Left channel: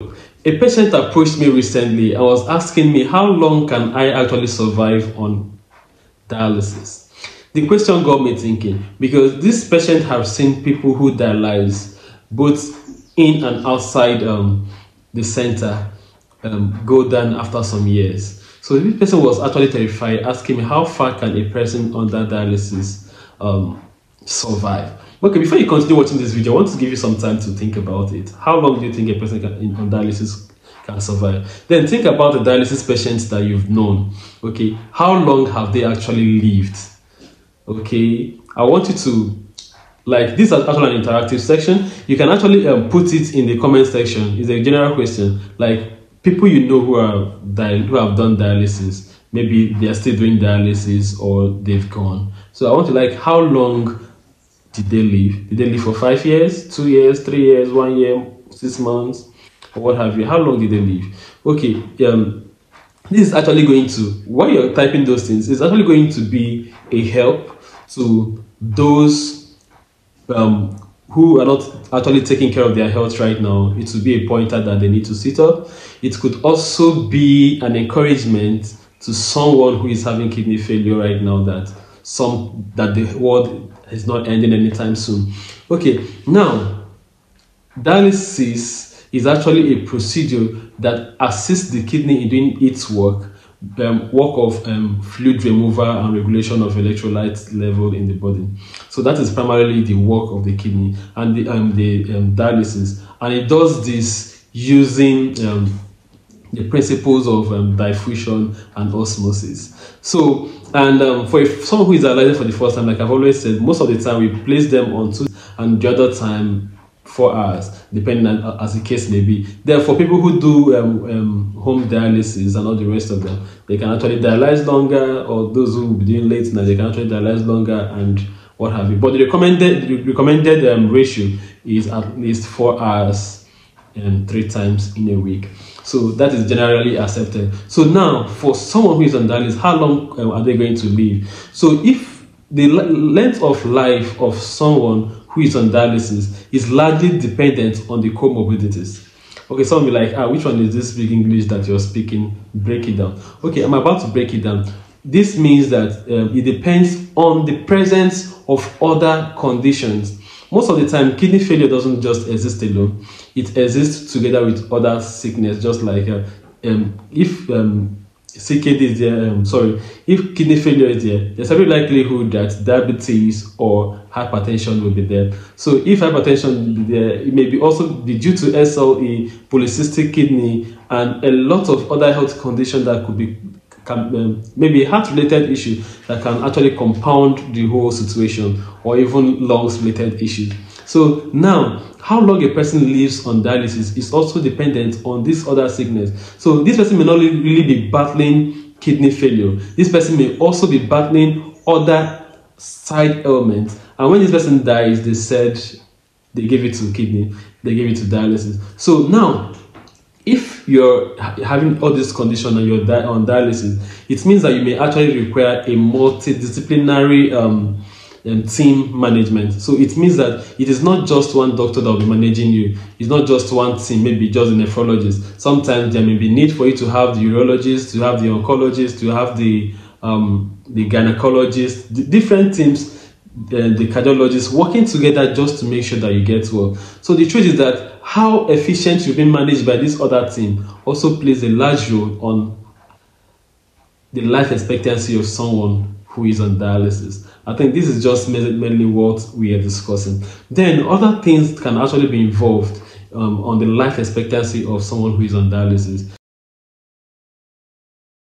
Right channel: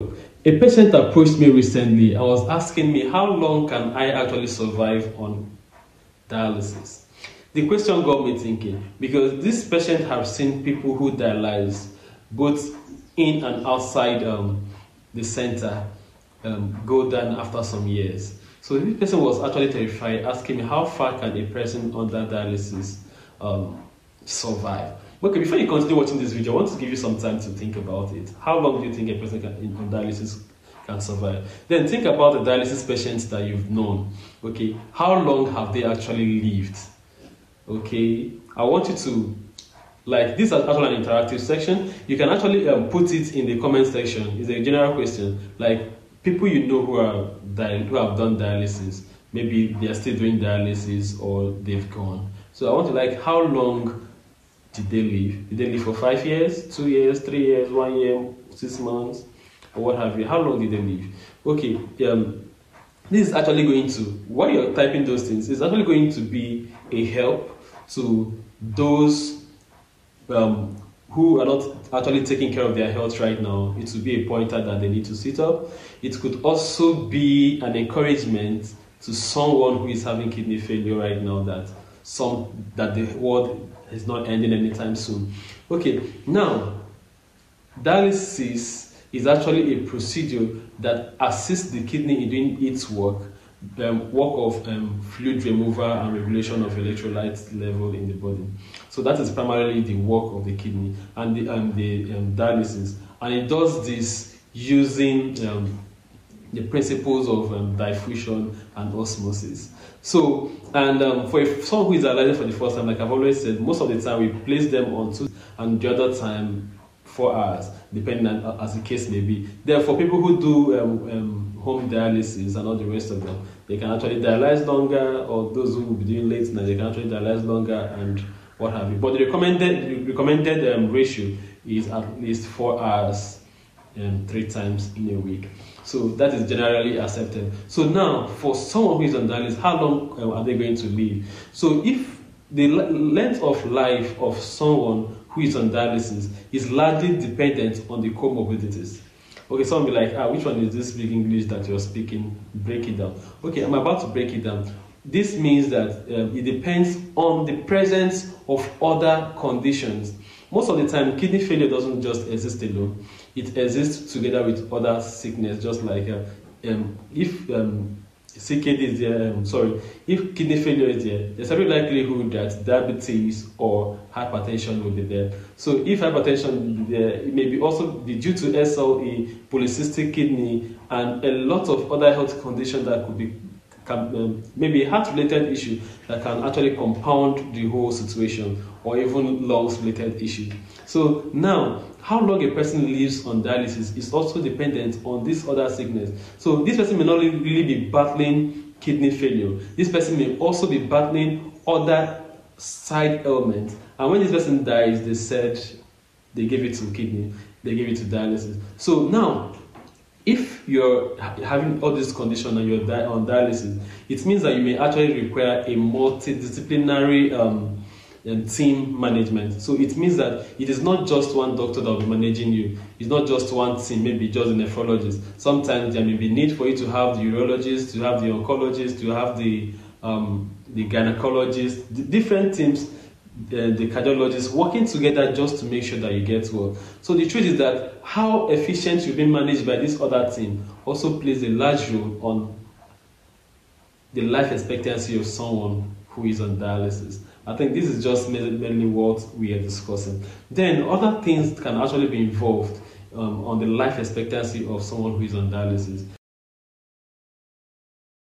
A patient approached me recently and was asking me how long can I actually survive on dialysis. The question got me thinking because this patient has seen people who dialyze both in and outside the center go down after some years. So this person was actually terrified, asking me how far can a person under dialysis survive. Okay, before you continue watching this video, I want to give you some time to think about it. How long do you think a person on dialysis can survive? Then think about the dialysis patients that you've known. Okay, how long have they actually lived? Okay, I want you to, like, this is actually an interactive section. You can actually put it in the comment section. It's a general question, like people you know who have done dialysis. Maybe they are still doing dialysis or they've gone. So I want to, like, how long did they live? Did they live for 5 years, 2 years, 3 years, 1 year, 6 months, or what have you? How long did they live? Okay, this is actually going to, while you're typing those things, it's actually going to be a help to those who are not actually taking care of their health right now. It will be a pointer that they need to sit up. It could also be an encouragement to someone who is having kidney failure right now that the world is not ending anytime soon. Okay, now dialysis is actually a procedure that assists the kidney in doing its work of fluid removal and regulation of electrolyte level in the body. So that is primarily the work of the kidney and the dialysis, and it does this using the principles of diffusion and osmosis. So, and for someone who is dialyzing for the first time, like I've always said, most of the time we place them on 2 and the other time 4 hours, depending on as the case may be. Therefore, people who do home dialysis and all the rest of them, they can actually dialyze longer, or those who will be doing late night, they can actually dialyze longer and what have you. But the recommended ratio is at least 4 hours 3 times in a week. So that is generally accepted. So now, for someone who is on dialysis, how long are they going to live? So if the length of life of someone who is on dialysis is largely dependent on the comorbidities. Okay, some will be like, which one is this big English that you're speaking? Break it down. Okay, I'm about to break it down. This means that it depends on the presence of other conditions. Most of the time, kidney failure doesn't just exist alone. It exists together with other sickness, just like if CKD is there, if kidney failure is there, there's every likelihood that diabetes or hypertension will be there. So if hypertension will be there, it may be also be due to SLE, polycystic kidney, and a lot of other health conditions that could be maybe a heart-related issue that can actually compound the whole situation, or even lungs-related issues. So now, how long a person lives on dialysis is also dependent on this other sickness. So this person may not really be battling kidney failure. This person may also be battling other side ailments. And when this person dies, they said they gave it to kidney, they gave it to dialysis. So now, if you're having all this condition and you're on dialysis, it means that you may actually require a multidisciplinary team management. So it means that it is not just one doctor that will be managing you. It's not just one team, maybe just a nephrologist. Sometimes there may be need for you to have the urologist, to have the oncologist, to have the gynecologist, the different teams, the cardiologists working together just to make sure that you get well. So the truth is that how efficient you've been managed by this other team also plays a large role on the life expectancy of someone who is on dialysis. I think this is just mainly what we are discussing. Then other things can actually be involved on the life expectancy of someone who is on dialysis.